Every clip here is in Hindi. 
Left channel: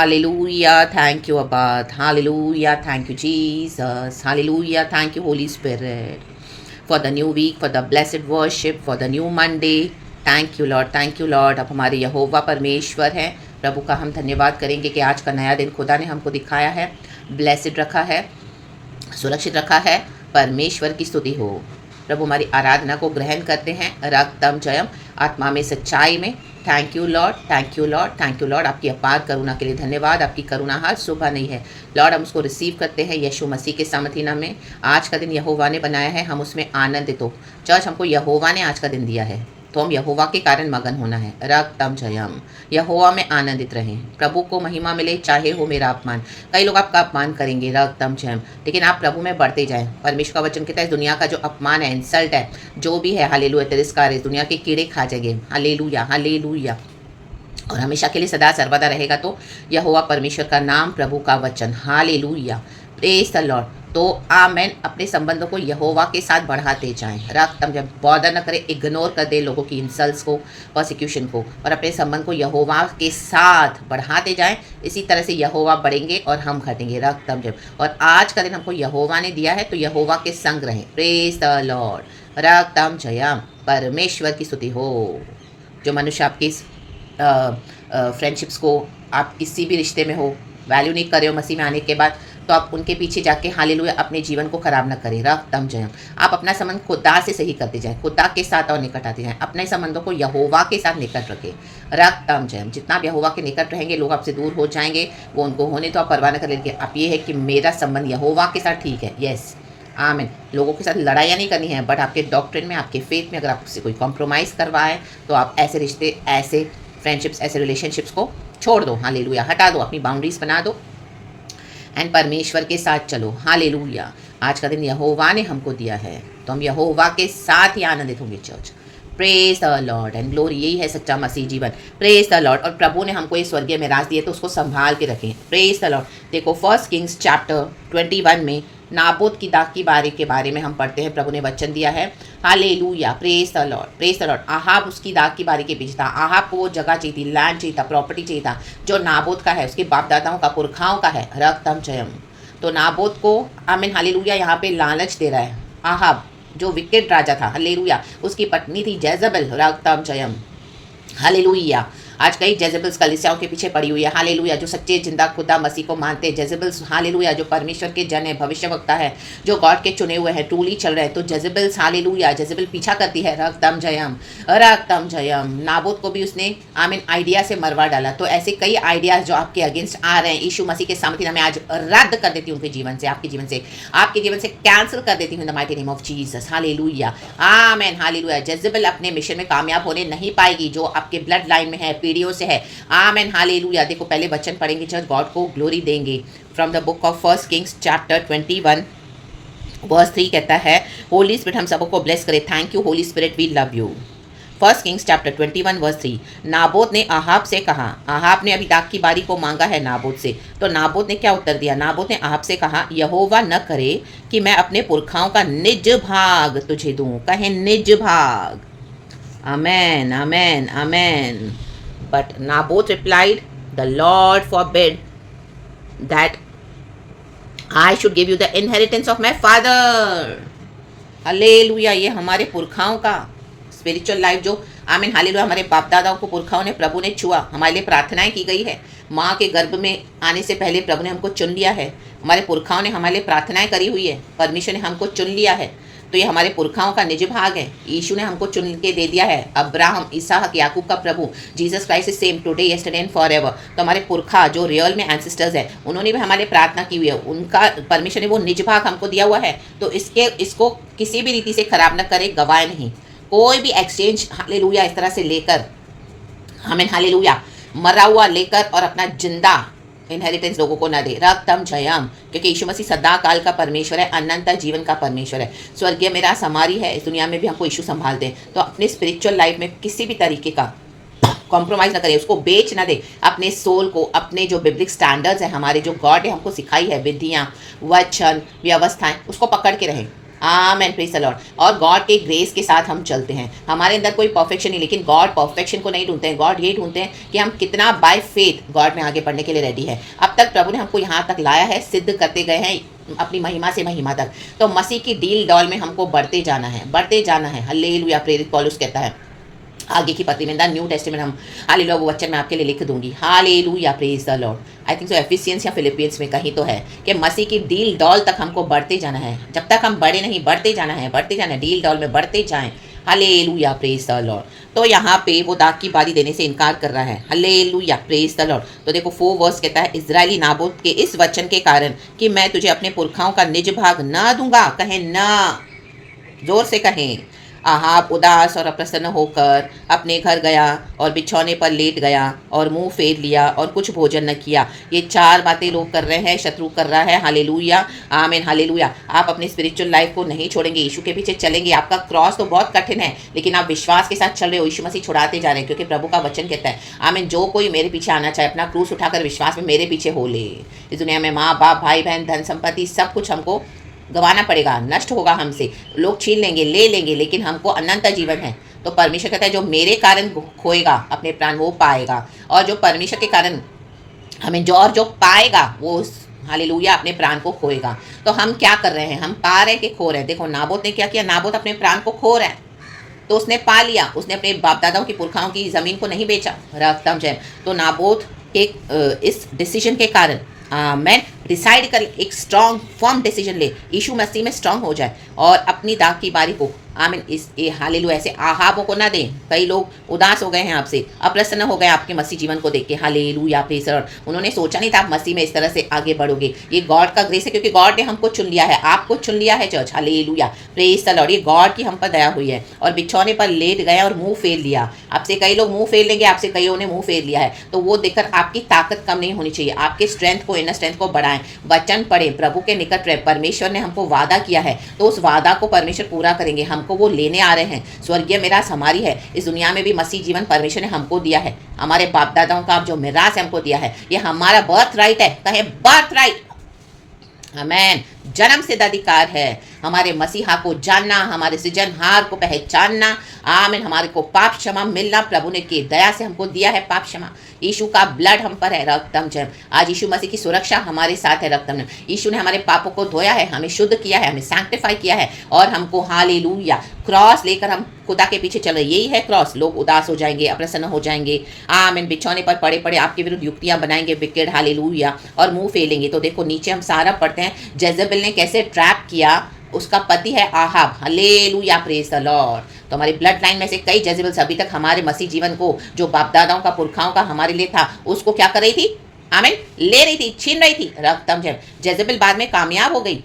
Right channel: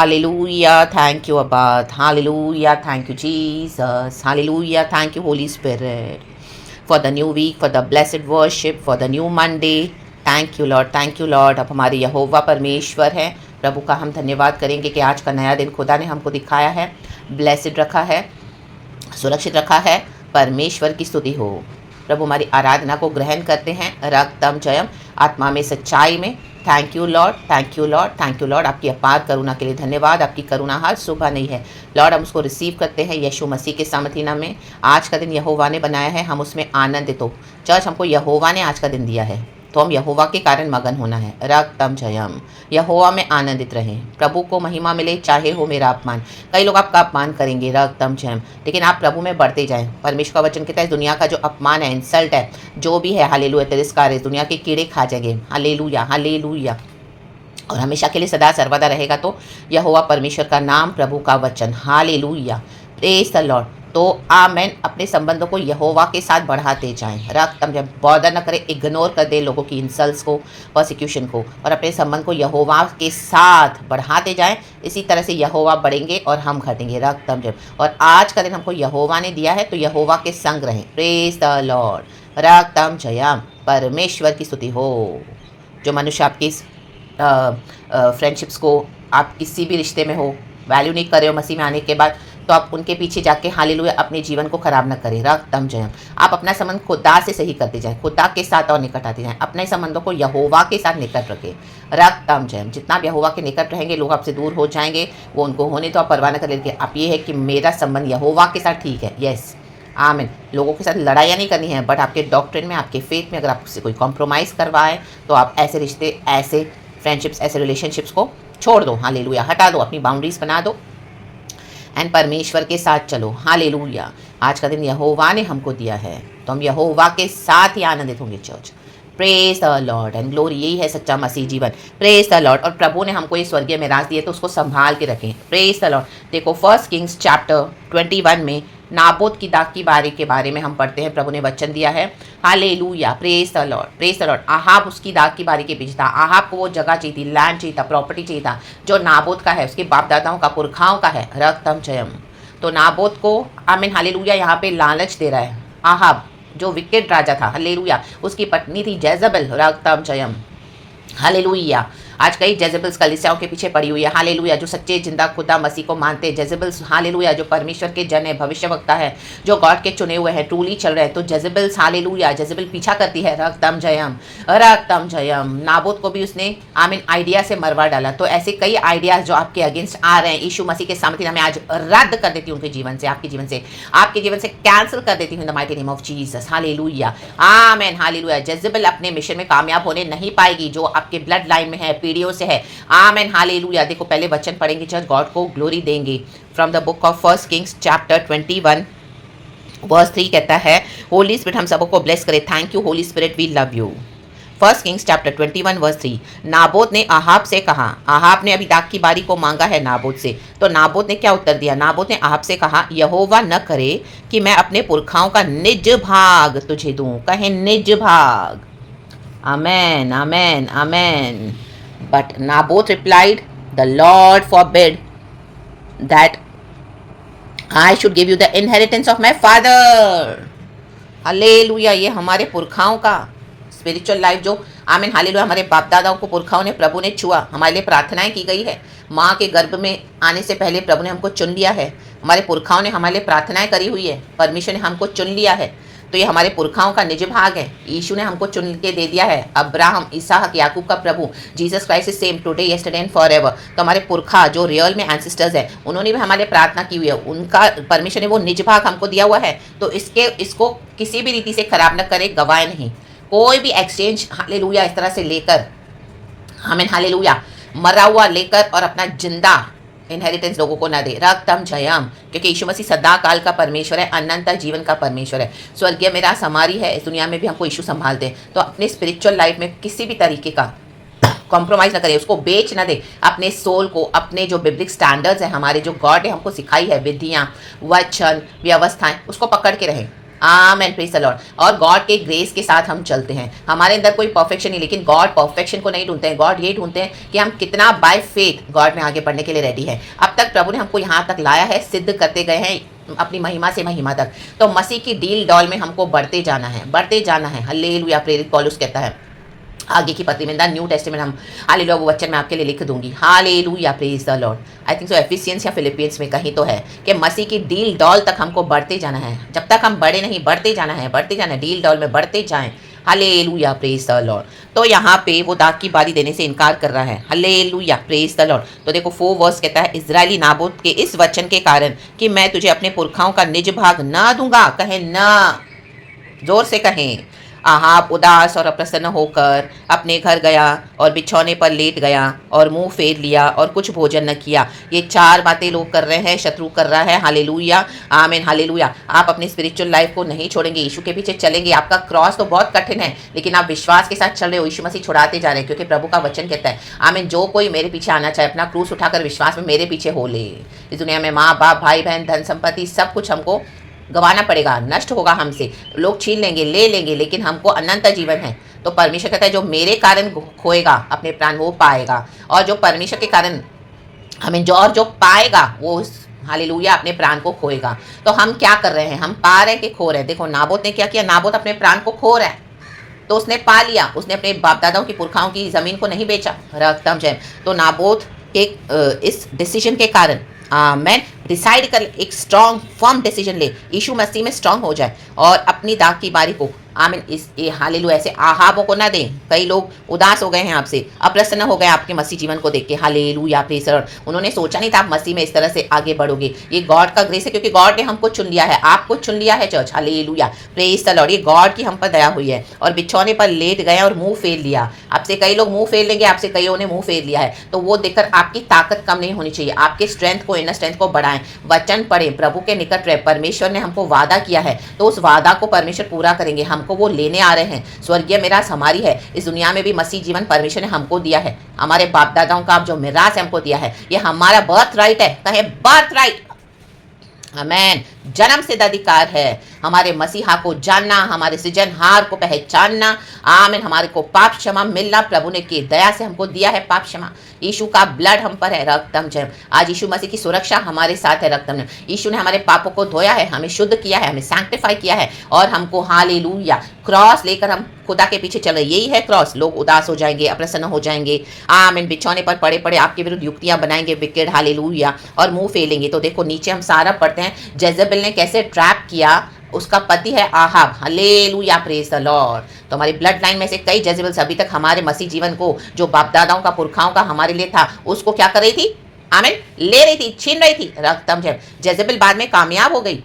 Hallelujah. Thank you, Abba. Hallelujah. Thank you, Jesus. Hallelujah. Thank you, Holy Spirit, for the new week, for the blessed worship, for the new Monday. Thank you Lord, thank you Lord. अब हमारे यहोवा परमेश्वर हैं, प्रभु का हम धन्यवाद करेंगे कि आज का नया दिन खुदा ने हमको दिखाया है, ब्लेसिड रखा है, सुरक्षित रखा है। परमेश्वर की स्तुति हो। प्रभु हमारी आराधना को ग्रहण करते हैं, रक्तम जयम, आत्मा में सच्चाई में। Thank you Lord, thank you Lord, thank you Lord. आपकी अपार करुणा के लिए धन्यवाद। आपकी करुणा हर सुबह नहीं है लॉर्ड, हम उसको रिसीव करते हैं यीशु मसीह के सामर्थी नाम में। आज का दिन यहोवा ने बनाया है, हम उसमें आनंदित हो। चर्च, हमको यहोवा ने आज का दिन दिया है तो हम यहोवा के कारण मगन होना है। रक्तम जयम, यहोवा में आनंदित रहें। प्रभु को महिमा मिले, चाहे हो मेरा अपमान। कई लोग आपका अपमान करेंगे, रक्तम जयम, लेकिन आप प्रभु में बढ़ते जाएं। परमेश्वर का वचन कहता है, दुनिया का जो अपमान है, इंसल्ट है, जो भी है, हालेलुया, तिरस्कार है, दुनिया के कीड़े खा जाएंगे। Hallelujah, hallelujah. और हमेशा के लिए सदा सर्वदा रहेगा तो यहोवा परमेश्वर का नाम, प्रभु का वचन। Hallelujah, praise the Lord. तो आमेन। अपने संबंधों को यहोवा के साथ बढ़ाते जाएं। रक्तम जब बॉर्डर न करें, इग्नोर कर दे लोगों की इंसल्ट्स को, परसिक्यूशन को, और अपने संबंध को यहोवा के साथ बढ़ाते जाएं। इसी तरह से यहोवा बढ़ेंगे और हम घटेंगे। रक्तम जब, और आज का दिन हमको यहोवा ने दिया है तो यहोवा के संग रहें। Praise the Lord. रक्तम जयम, परमेश्वर की स्तुति हो। जो मनुष्य आपकी फ्रेंडशिप्स को, आप किसी भी रिश्ते में हो, वैल्यू नहीं कर रहे हो मसीह में आने के बाद, तो आप उनके पीछे जाके हालेलुया अपने जीवन को खराब ना करें। रक्तम जयम। आप अपना संबंध खुदा से सही करते जाएं, खुदा के साथ और निकट आते जाएं। अपने संबंधों को यहोवा के साथ निकट रखें। रक्तम जयम। जितना आप यहोवा के निकट रहेंगे, लोग आपसे दूर हो जाएंगे, वो उनको होने तो आप परवाह न कर लेंगे। आप ये है कि मेरा संबंध यहोवा के साथ ठीक है। यस, आमीन। लोगों के साथ लड़ाइयाँ नहीं करनी है, बट आपके डॉक्ट्रिन में, आपके फेथ में अगर आपसे कोई कॉम्प्रोमाइज़ करवाए तो आप ऐसे रिश्ते, ऐसे फ्रेंडशिप्स, ऐसे रिलेशनशिप्स को छोड़ दो। हालेलुया, हटा दो, अपनी बाउंड्रीज बना दो एंड परमेश्वर के साथ चलो। हालेलुया। आज का दिन यहोवा ने हमको दिया है तो हम यहोवा के साथ ही आनंदित होंगे। Church, praise the Lord and glory. यही है सच्चा मसीह जीवन। Praise the Lord. और प्रभु ने हमको ये स्वर्गीय मिराज दिए तो उसको संभाल के रखें। Praise the Lord. देखो, 1 किंग्स चैप्टर 21 में नाबोत की दाग की बारी के बारे में हम पढ़ते हैं। प्रभु ने वचन दिया है। Hallelujah, praise the Lord, praise the Lord. Ahab उसकी दाग की बारी के पीछे था। आहाब को वो जगह चाहिए थी, लैंड चाहिए था, प्रॉपर्टी चाहिए था जो नाबोत का है, उसके बाप दादाओं का, पुरखाओं का है। रक्तम जयम। तो नाबोत को, आमीन, हालेलुया, यहाँ पे लालच दे रहा है। आहाब जो विकेट राजा था, हालेलुया, उसकी पत्नी थी जेजबेल। रक्तम जयम, हालेलुया। आज कई जेजेबल्स कलीसियाओं के पीछे पड़ी हुई है। हालेलुया। जो सच्चे जिंदा खुदा मसीह को मानते हैं, जेजेबल्स, हालेलुया, जो परमेश्वर के जन है, भविष्यवक्ता है, जो गॉड के चुने हुए हैं, ट्रूली चल रहे हैं, तो जेजेबल्स, हालेलुया, जेजेबल पीछा करती है। रक्तम जयम, रक्तम जयम। नाबोत को भी उसने, आमीन, आइडिया से मरवा डाला। तो ऐसे कई आइडियाज जो आपके अगेंस्ट आ रहे हैं, यीशु मसीह के सामर्थ्य नाम में आज रद्द कर देती हूँ उनके जीवन से, आपके जीवन से, आपके जीवन से कैंसिल कर देती हूँ इन the mighty name of Jesus. Hallelujah, आमीन, हालेलुया। जेजेबल अपने मिशन में कामयाब होने नहीं पाएगी जो आपके ब्लड लाइन में है, पीढ़ियों से है। Amen, hallelujah. देखो, पहले वचन पढ़ेंगे, चर्च, गॉड को ग्लोरी देंगे। From the book of 1 Kings chapter 21 verse 3 कहता है, होली स्पिरिट हम सबको ब्लेस करे। Thank you Holy Spirit, we love you. 1 Kings chapter 21 verse 3। Naboth ने आहाब से कहा, आहाब ने अभी दाग की बारी को मांगा है नाबोत से, तो नाबोत ने क्या उत्तर दिया? नाबोत ने आहाब से कहा, यहोवा न करे कि मैं अपने पुरखाओं का निज भाग तुझे दूं। कहें निज भाग। आमेन, आमेन, आमेन। But Naboth replied, the Lord forbid that I should give you the inheritance of my father. Hallelujah. ये हमारे पुरखाओं का स्पिरिचुअल लाइफ जो, आमीन, हालेलुया, हमारे बाप दादाओं को पुरखाओं ने, प्रभु ने छुआ। हमारे लिए प्रार्थनाएं की गई है। माँ के गर्भ में आने से पहले प्रभु ने हमको चुन लिया है। हमारे पुरखाओं ने हमारे लिए प्रार्थनाएं करी हुई है। परमेश्वर ने हमको चुन लिया है। तो ये हमारे पुरखाओं का निज भाग है। यीशु ने हमको चुन के दे दिया है। अब्राहम, इसहाक, याकूब का प्रभु Jesus Christ is same today, yesterday and forever. तो हमारे पुरखा जो रियल में एंसेस्टर्स हैं, उन्होंने भी हमारे प्रार्थना की हुई है। उनका परमेश्वर ने वो निज भाग हमको दिया हुआ है। तो इसको किसी भी रीति से खराब न करे, गवाए नहीं। कोई भी एक्सचेंज, हालेलुया, इस तरह से लेकर, आमीन, हालेलुया, मरा हुआ लेकर और अपना जिंदा इनहेरिटेंस लोगों को ना दे। रक्तम जयम। क्योंकि यीशु मसीह सदा काल का परमेश्वर है, अनंत जीवन का परमेश्वर है। स्वर्गीय मेरा समारी है। इस दुनिया में भी हमको यीशु संभालते हैं। तो अपने स्पिरिचुअल लाइफ में किसी भी तरीके का कॉम्प्रोमाइज़ ना करें, उसको बेच ना दे। अपने सोल को, अपने जो बिब्लिक स्टैंडर्ड्स हैं, हमारे जो गॉड ने हमको सिखाई है, विधियाँ, वचन, व्यवस्थाएं, उसको पकड़ के रहें। आमेन, प्रेज द लॉर्ड। और गॉड के ग्रेस के साथ हम चलते हैं। हमारे अंदर कोई परफेक्शन नहीं, लेकिन गॉड परफेक्शन को नहीं ढूंढते हैं। गॉड ये ढूंढते हैं कि हम कितना बाय फेथ गॉड में आगे बढ़ने के लिए रेडी है। अब तक प्रभु ने हमको यहाँ तक लाया है, सिद्ध करते गए हैं अपनी महिमा से महिमा तक। तो मसीह की डील डॉल में हमको बढ़ते जाना है, बढ़ते जाना है। हालेलुया। प्रेरित पौलुस कहता है आगे की पत्री में, द न्यू टेस्टामेंट, हम हालेलुया वो वचन मैं आपके लिए लिख दूंगी। Hallelujah, praise the Lord. I think so Ephesians or Philippians में कहीं तो है कि मसीह की डील डॉल तक हमको बढ़ते जाना है। जब तक हम बड़े नहीं, बढ़ते जाना है, बढ़ते जाना है, डील डॉल में बढ़ते जाएं। Hallelujah, praise the Lord. तो यहाँ पे वो दाग की बारी देने से इनकार कर रहा है। Hallelujah, praise the Lord. तो देखो 4 वर्स कहता है, इजरायली नाबोत के इस वचन के कारण कि मैं तुझे अपने पुरखाओं का निज भाग ना दूंगा, कहें ना, जोर से कहें। आहाब उदास और अप्रसन्न होकर अपने घर गया और बिछौने पर लेट गया और मुंह फेर लिया और कुछ भोजन न किया। ये 4 बातें लोग कर रहे हैं, शत्रु कर रहा है। हालेलुया, आमीन, हालेलुया। आप अपनी स्पिरिचुअल लाइफ को नहीं छोड़ेंगे, यीशु के पीछे चलेंगे। आपका क्रॉस तो बहुत कठिन है, लेकिन आप विश्वास के साथ चल रहे हो। यीशु मसीह छुड़ाते जा रहे हैं, क्योंकि प्रभु का वचन कहता है, आमीन, जो कोई मेरे पीछे आना चाहे अपना क्रूस उठाकर विश्वास में मेरे पीछे हो ले। इस दुनिया में माँ बाप, भाई बहन, धन संपत्ति, सब कुछ हमको गंवाना पड़ेगा, नष्ट होगा हमसे, लोग छीन लेंगे, ले लेंगे, लेकिन हमको अनंत जीवन है। तो परमेश्वर कहता है जो मेरे कारण खोएगा अपने प्राण वो पाएगा, और जो परमेश्वर के कारण हमें जो पाएगा वो हालेलुया अपने प्राण को खोएगा। तो हम क्या कर रहे हैं? हम पा रहे हैं कि खो रहे हैं? देखो नाबोत ने क्या किया, नाबोत अपने प्राण को खो रहा है, तो उसने पा लिया। उसने अपने बाप दादाओं की पुरखाओं की ज़मीन को नहीं बेचा, रकतम जय। तो नाबोत एक इस डिसीजन के कारण मैं डिसाइड कर, एक स्ट्रॉन्ग फर्म डिसीजन ले, यीशु मसीह में स्ट्रॉन्ग हो जाए और अपनी दाग की बारी को, आमीन, इस हालेलुया ऐसे आहाबों को ना दें। कई लोग उदास हो गए हैं आपसे, अप्रसन्न हो गए आपके मसीह जीवन को देख के। Hallelujah, praise the Lord. उन्होंने सोचा नहीं था आप मसीह में इस तरह से आगे बढ़ोगे। ये गॉड का ग्रेस है, क्योंकि गॉड ने हमको चुन लिया है, आपको चुन लिया है church. Hallelujah, praise the Lord. ये गॉड की हम पर दया हुई है। और बिछौने पर लेट गए और मुंह फेर लिया। आपसे कई लोग मुंह फेर लेंगे, आपसे कईयों ने मुंह फेर लिया है, तो वो देखकर आपकी ताकत कम नहीं होनी चाहिए। आपके स्ट्रेंथ को, इनर स्ट्रेंथ को बढ़ाएं, वचन पढ़ें, प्रभु के निकट रहे। परमेश्वर ने हमको वादा किया है, तो उस वादा को परमेश्वर पूरा करेंगे। हमको वो लेने आ रहे हैं। स्वर्गीय मिरास हमारी है। इस दुनिया में भी मसीह जीवन परमेश्वर ने हमको दिया है। हमारे बाप दादाओं का जो मिरास है हमको दिया है, ये हमारा बर्थ राइट है। कहे बर्थ राइट, आमेन, जन्म सिद्ध अधिकार है। हमारे मसीहा को जानना, हमारे सृजनहार को पहचानना, आमीन। हमारे को पाप क्षमा मिलना, प्रभु ने की दया से हमको दिया है पाप क्षमा। यीशु का ब्लड हम पर है, रक्तम जय। आज यीशु मसीह की सुरक्षा हमारे साथ है, रक्तम। यीशु ने हमारे पापों को धोया है, हमें शुद्ध किया है, हमें सैंक्टिफाई किया है, और हमको हालेलुया क्रॉस लेकर हम खुदा के पीछे चल रहे। यही है क्रॉस। लोग उदास हो जाएंगे, अप्रसन्न हो जाएंगे, आमीन, बिछौने पर पड़े पड़े आपके विरुद्ध युक्तियां बनाएंगे, विकेट, हालेलुया, और मुंह फेलेंगे। तो देखो नीचे हम सारा पढ़ते हैं, जेजेबेल ने कैसे ट्रैप किया। उसका पति है Ahab, hallelujah, praise the Lord. तो हमारी ब्लड लाइन में से कई जेजेबल्स अभी तक हमारे मसीह जीवन को, जो बाप दादाओं का, पुरखाओं का हमारे लिए था, उसको क्या कर रही थी? आमीन, ले रही थी, छीन रही थी, रक्तम जय। जेजेबेल बाद में कामयाब हो गई।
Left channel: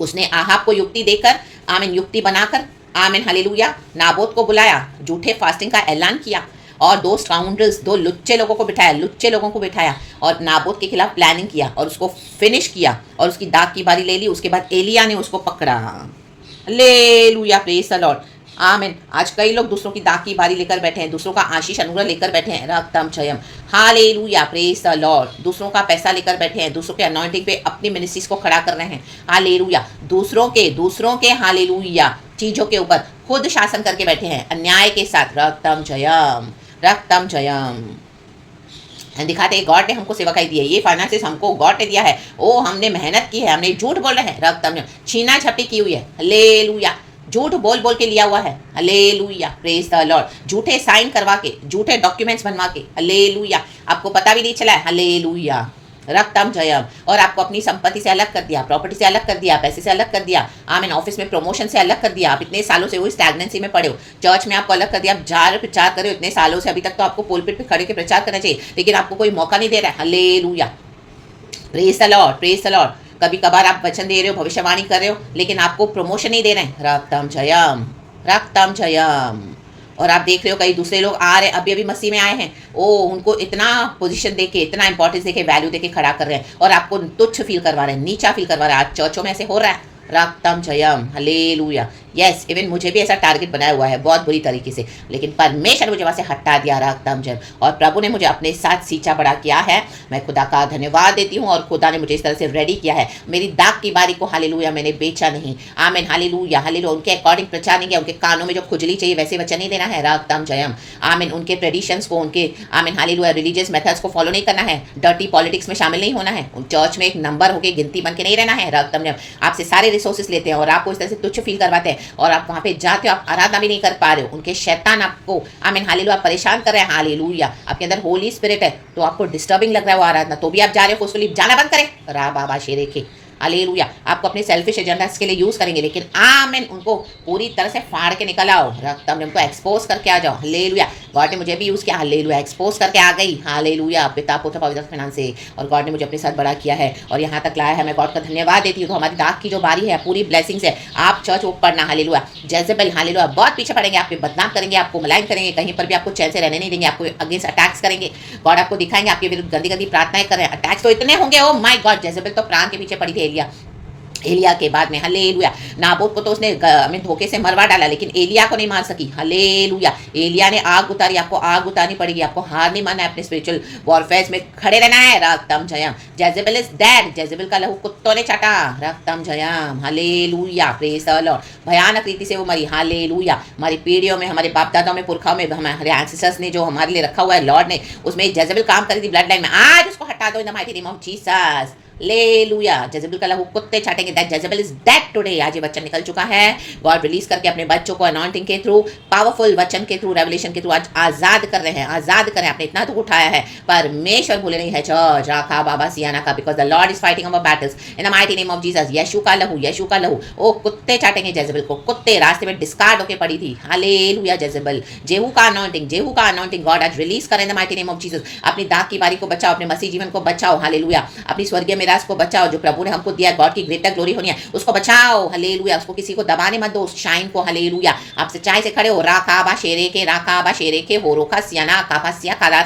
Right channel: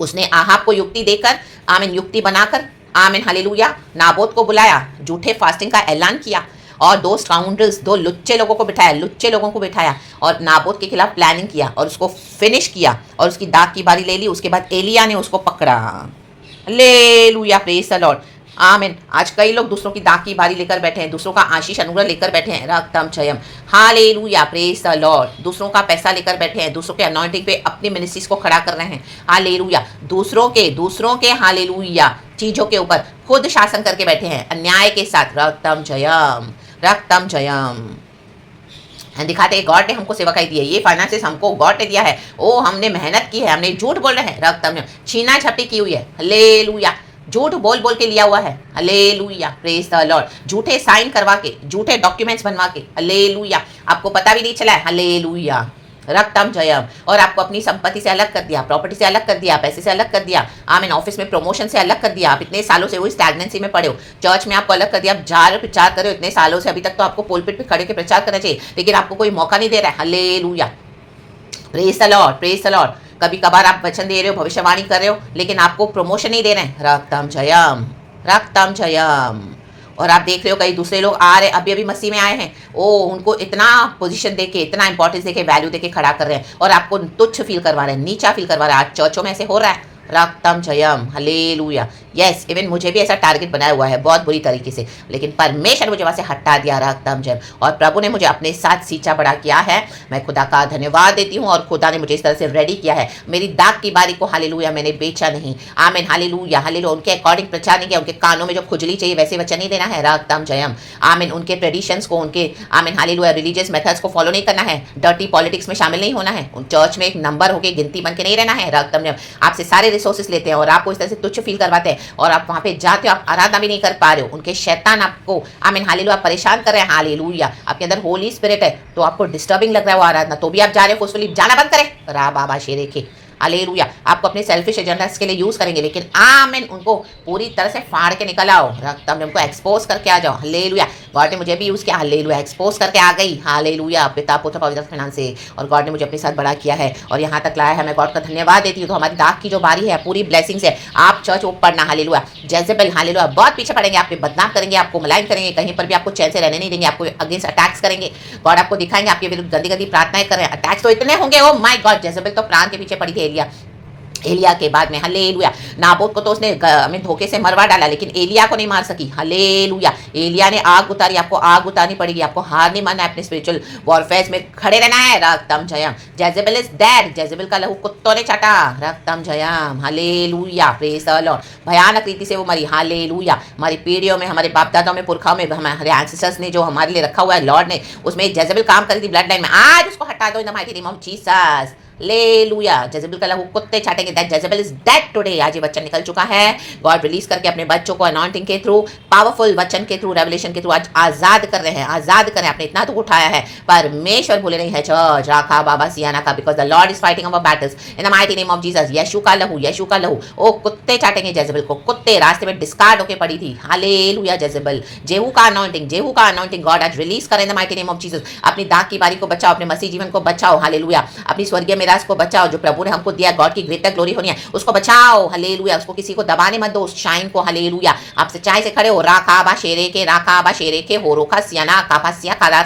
उसने आहाब को युक्ति देकर, आमीन, युक्ति बनाकर, आमीन, हालेलुया, नाबोत को बुलाया, झूठे फास्टिंग का ऐलान किया, और 2 स्काउंड्रल्स, 2 लुच्चे लोगों को बिठाया, लुच्चे लोगों को बिठाया, और नाबोत के खिलाफ प्लानिंग किया, और उसको फिनिश किया, और उसकी दाग की बारी ले ली। उसके बाद एलिया ने उसको पकड़ा। हालेलुया, प्रेज द लॉर्ड, आमीन। आज कई लोग दूसरों की दाग की बारी लेकर बैठे हैं, दूसरों का आशीष अनुग्रह लेकर बैठे हैं, रक्तम Jayam, hallelujah, praise the Lord. दूसरों का पैसा लेकर बैठे हैं, दूसरों के अनॉइंटिंग पे अपनी मिनिस्ट्रीज को खड़ा कर रहे हैं, हालेलुया। दूसरों के हालेलुया चीजों के ऊपर खुद शासन करके बैठे हैं अन्याय के साथ, रक्तम जयम, रक्तम जयम। दिखाते हैं गॉड ने हमको सेवकाई दी है, ये फाइनेंसेस हमको गॉड ने दिया है। ओ हमने मेहनत की है, हमने झूठ बोल रहे हैं, रक्तम जयम, छीना झपटी की हुई है, हालेलुया, झूठ बोल बोल के लिया हुआ है, हालेलुया, प्रेज द लॉर्ड। झूठे साइन करवा के, झूठे डॉक्यूमेंट्स बनवा के, हालेलुया, आपको पता भी नहीं चला है, हालेलुया, रक्तम जयम। और आपको अपनी संपत्ति से अलग कर दिया, प्रॉपर्टी से अलग कर दिया, पैसे से अलग कर दिया, आमीन, ऑफिस में प्रमोशन से अलग कर दिया। आप इतने सालों से वही स्टैग्नेंसी में पड़े हो, चर्च में आपको अलग कर दिया, आप जा रहे हो, प्रचार कर रहे हो इतने सालों से, अभी तक तो आपको पोलपिट पे खड़े के प्रचार करना चाहिए, लेकिन आपको कोई मौका नहीं दे रहा है, hallelujah, praise the Lord, praise the Lord. कभी कभार आप वचन दे रहे हो, भविष्यवाणी कर रहे हो, लेकिन आपको प्रमोशन नहीं दे रहे हैं, रक्तम जयम, रक्तम जयम। और आप देख रहे हो कई दूसरे लोग आ रहे, अभी अभी मसीह में आए हैं, ओ उनको इतना पोजीशन देके, इतना इंपॉर्टेंस देके, वैल्यू देके खड़ा कर रहे हैं, और आपको तुच्छ फील करवा रहे हैं, नीचा फील करवा रहे हैं। आज चर्चों में ऐसे हो रहा है, रक्तम जयम हालेलुया। यस, इवन मुझे भी ऐसा टारगेट बनाया हुआ है बहुत बुरी तरीके से, लेकिन परमेश्वर मुझे वहाँ से हटा दिया रक्तम जयम, और प्रभु ने मुझे अपने साथ सींचा बड़ा किया है। मैं खुदा का धन्यवाद देती हूँ, और खुदा ने मुझे इस तरह से रेडी किया है। मेरी दाग की बारी को हालेलुया मैंने बेचा नहीं। आमीन हालेलुया हालेलुया। उनके अकॉर्डिंग प्रचार नहीं किया, उनके कानों में जो खुजली चाहिए वैसे वचन नहीं देना है रक्तम जयम। आमीन, उनके ट्रेडिशंस को, उनके आमीन हालेलुया रिलीजियस मेथड्स को फॉलो नहीं करना है, डर्टी पॉलिटिक्स में शामिल नहीं होना है, चर्च में एक नंबर होकर गिनती बन के नहीं रहना है रक्तम जयम। आपसे सारे रिसोर्सेस लेते हैं और आपको इस तरह से तुच्छ फील करवाते हैं, और आप वहाँ पे जाते हो, आप आराधना भी नहीं कर पा रहे हो, उनके शैतान आपको आमीन हालेलुया परेशान कर रहे हैं हालेलुया। आपके अंदर होली स्पिरिट है तो आपको डिस्टर्बिंग लग रहा है वो आराधना, तो भी आप जा रहे हो, फोर्सफुली जाना बंद करें रा बाबा शेरे के हालेलुया। आपको अपने सेल्फिश एजेंडास के लिए यूज करेंगे, लेकिन आमीन उनको पूरी तरह से फाड़ के निकल आओ रक्तम, उनको एक्सपोज करके आ जाओ हालेलुया। गॉड ने मुझे भी यूज किया हालेलुया, एक्सपोज करके आ गई हालेलुया पिता पुत्र पवित्र फिनान से, और गॉड ने मुझे अपने साथ बड़ा किया है और यहाँ तक लाया है। मैं गॉड का धन्यवाद देती हूँ। तो हमारी दाग की जो बारी है पूरी ब्लेसिंग्स है। आप चर्च वो पढ़ना हालेलुया। जेजेबेल हालेलुया बहुत पीछे पड़ेंगे, आपके बदनाम करेंगे, आपको मलाइन करेंगे, कहीं पर भी आपको चैन से रहने नहीं देंगे, आपको अगेंस्ट अटैक्स करेंगे। गॉड आपको दिखाएंगे आपके विरुद्ध गंदी गंदी प्रार्थनाएं कर रहे हैं, अटैक्स तो इतने होंगे। ओ माय गॉड, जेजेबेल तो प्राण के पीछे पड़ी थी एलिया के बाद में हालेलुया। नाबोत को तो उसने धोखे से मरवा डाला, लेकिन एलिया को नहीं मार सकी हालेलुया। एलिया ने आग उतारी, आपको आग उतारनी पड़ेगी, आपको हार नहीं मानना है, अपने स्पिरिचुअल वॉरफेयर में खड़े रहना है रक्तम जयम। जेजेबेल इज डेड, जेजेबेल का लहू कुत्तों ने चाटा रक्तम Jayam hallelujah praise the Lord. भयानक रीति से वो मरी हालेलुया। हमारी पीढ़ियों में, हमारे बाप दादाओं में, पुरखाओं में, हमारे एंसेस्टर्स ने जो हमारे लिए रखा हुआ है लॉर्ड ने, उसमें जेजेबेल काम करी थी ब्लड लाइन में, आज उसको हटा दो in the mighty name of Jesus. Hallelujah. Jezebel का लहू कुत्ते चाटेंगे, that Jezebel is dead today. आज ये वचन निकल चुका है। गॉड रिलीज करके अपने बच्चों को अनॉइंटिंग के थ्रू, पावरफुल वचन के थ्रू, रेवलेशन के थ्रू आज आजाद कर रहे हैं, आजाद करें। आपने इतना तो उठाया है, परमेश्वर भूले नहीं है चर्च राखा बाबा सियाना का, because the Lord is fighting our battles in the mighty name of Jesus. यीशु का लहू, यीशु का लहू। ओ कुत्ते चाटेंगे जेजेबेल को, कुत्ते रास्ते में डिस्कार्ड होके पड़ी थी हालेलुया। जेजेबेल, जेहू का अनॉइंटिंग, जेहू का अनॉइंटिंग गॉड आज रिलीज करें in the mighty name of Jesus. अपनी दाग की बारी को बचाओ, अपने मसीह जीवन को बचाओ हालेलुया। अपनी स्वर्गीय मिरास को बचाओ जो प्रभु ने हमको दिया, गॉड की ग्रेटर ग्लोरी होनी है, उसको बचाओ हालेलुया। उसको किसी को दबाने मत दो, उस शाइन को हालेलुया। आप सच्चाई से खड़े हो, राकाबा शेरे के, राकाबा शेरे के, हो रोका सियाना काफा सिया खारा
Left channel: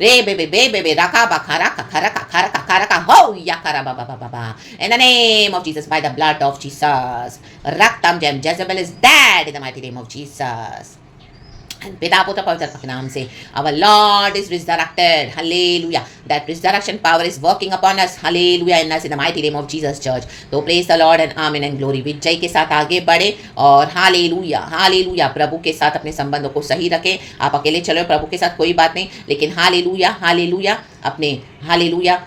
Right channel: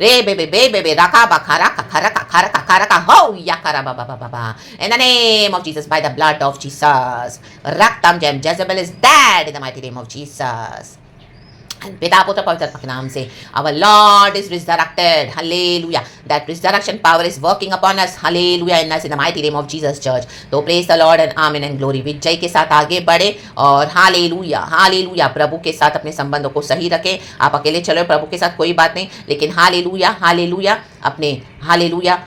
रे बेबे बेबे राकाबा खारा खारा खारा खारा का हो या खारा बाबा बाबा in the name of Jesus, by the blood of Jesus. रक्तम जयम, Jezebel is dead in the mighty name of Jesus. पिता पुत्र पवित्र के नाम से our Lord is resurrected, hallelujah. That resurrection power is working upon us, hallelujah, in us in the mighty name of Jesus church. तो praise the Lord and amen and glory। विजय के साथ आगे बढ़े और हालेलुया हालेलुया। प्रभु के साथ अपने संबंधों को सही रखें। आप अकेले चलो प्रभु के साथ कोई बात नहीं, लेकिन हालेलुया हालेलुया अपने हालेलुया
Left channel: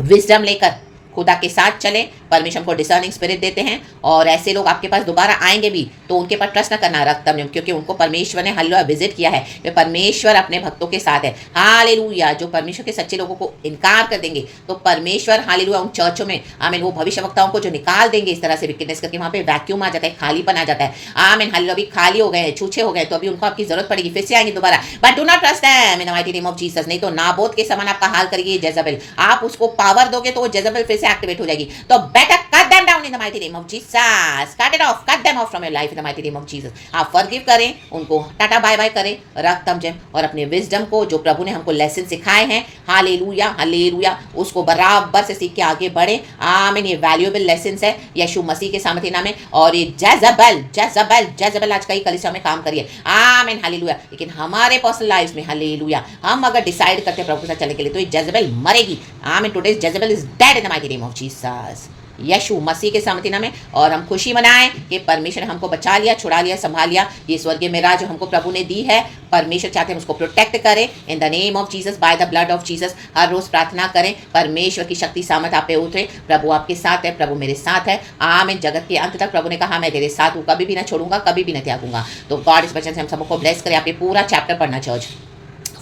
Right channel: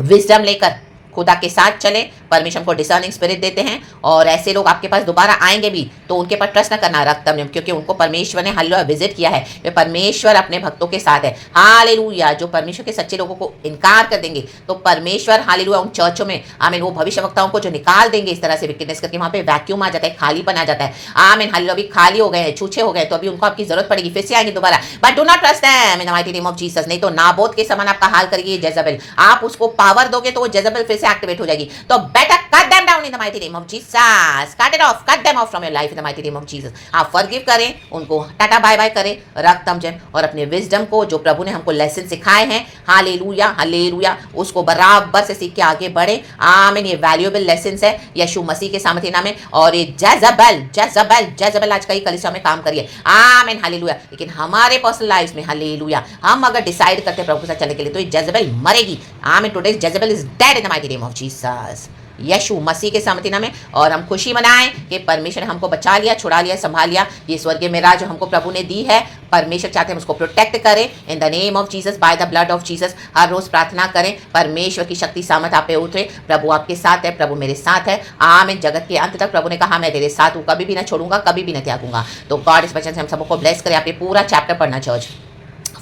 विजडम लेकर खुदा के साथ चले। परमेश्वर को डिसर्निंग स्पिरिट देते हैं, और ऐसे लोग आपके पास दोबारा आएंगे भी तो उनके पर ट्रस्ट न करना रक्तम जयम, क्योंकि उनको परमेश्वर ने हालेलुया विजिट किया है। वे परमेश्वर अपने भक्तों के साथ है हालेलुया। जो परमेश्वर के सच्चे लोगों को इनकार कर देंगे तो परमेश्वर हालेलुया उन चर्चों में आमीन वो भविष्यवक्ताओं को जो निकाल देंगे इस तरह से विकनेस करके, वहां पे वैक्यूम आ जाता है, खालीपन आ जाता है। आमीन हालेलुया। अभी खाली हो गए, छूछे हो गए, तो अभी उनको आपकी जरूरत पड़ेगी, फिर से आएंगे दोबारा, but do not trust them in the mighty name of Jesus. नहीं तो नाबोत के समान आपका हाल करेगी जेजेबेल। आप उसको पावर दोगे तो वो जेजेबेल फिर से एक्टिवेट हो जाएगी। तो better cut them down in the mighty name of Jesus. Cut it off, cut them off from your life in the mighty name of Jesus. आप फॉरगिव करें, उनको टाटा बाय बाय करें रक्तम जयम, और अपने विजडम को जो प्रभु ने हमको लेसन सिखाए हैं हालेलुया हालेलुया उसको बराबर से सीख के आगे बढ़े। आमीन। ये वैल्यूएबल लेसन्स है यीशु मसीह के सामर्थ्य नाम में, और ये जेजेबेल जेजेबेल जेजेबेल आज कई कलीसिया में काम करिए आमीन हालेलुया। लेकिन हमारे पर्सनल लाइफ में हालेलुया हम अगर डिसाइड करते हैं प्रभु के साथ चलने के लिए तो ये जेजेबेल मरेगी आमीन। Today Jezebel is dead in the mighty name of Jesus, यीशु मसीह के सामर्थ्य नाम में। और हम खुशी मनाएं कि परमेश्वर ने हमको बचा लिया, छुड़ा लिया, संभाल लिया। ये स्वर्गीय मेराज जो हमको प्रभु ने दी है, परमेश्वर चाहते हैं उसको प्रोटेक्ट करें in the name of Jesus, by the blood of Jesus. हर रोज प्रार्थना करें, परमेश्वर की शक्ति सामर्थ आप पे उतरे। प्रभु आपके साथ है, प्रभु मेरे साथ है आमीन। जगत के अंत तक प्रभु ने कहा मैं तेरे साथ हूँ, कभी भी ना छोड़ूंगा, कभी भी ना त्यागूंगा। तो गॉड इस वचन से हम सबको ब्लेस करें। आप ये पूरा चैप्टर पढ़ना चर्च,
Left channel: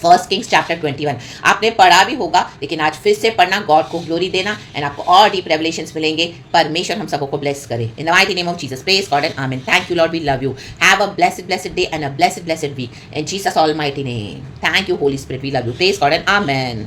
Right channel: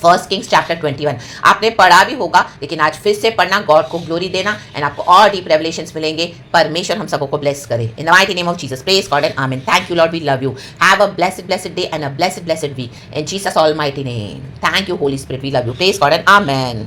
फर्स्ट किंग्स चैप्टर 21 आपने पढ़ा भी होगा, लेकिन आज फिर से पढ़ना, गॉड को ग्लोरी देना, एंड आपको और डीप रेवलेशंस मिलेंगे। परमेश्वर हम सबको ब्लेस करे in the mighty name of Jesus. Praise God and amen. Thank you Lord, we love you. Have a blessed day and a blessed week in Jesus almighty name. Thank you Holy Spirit, we love you. Praise God and आमीन।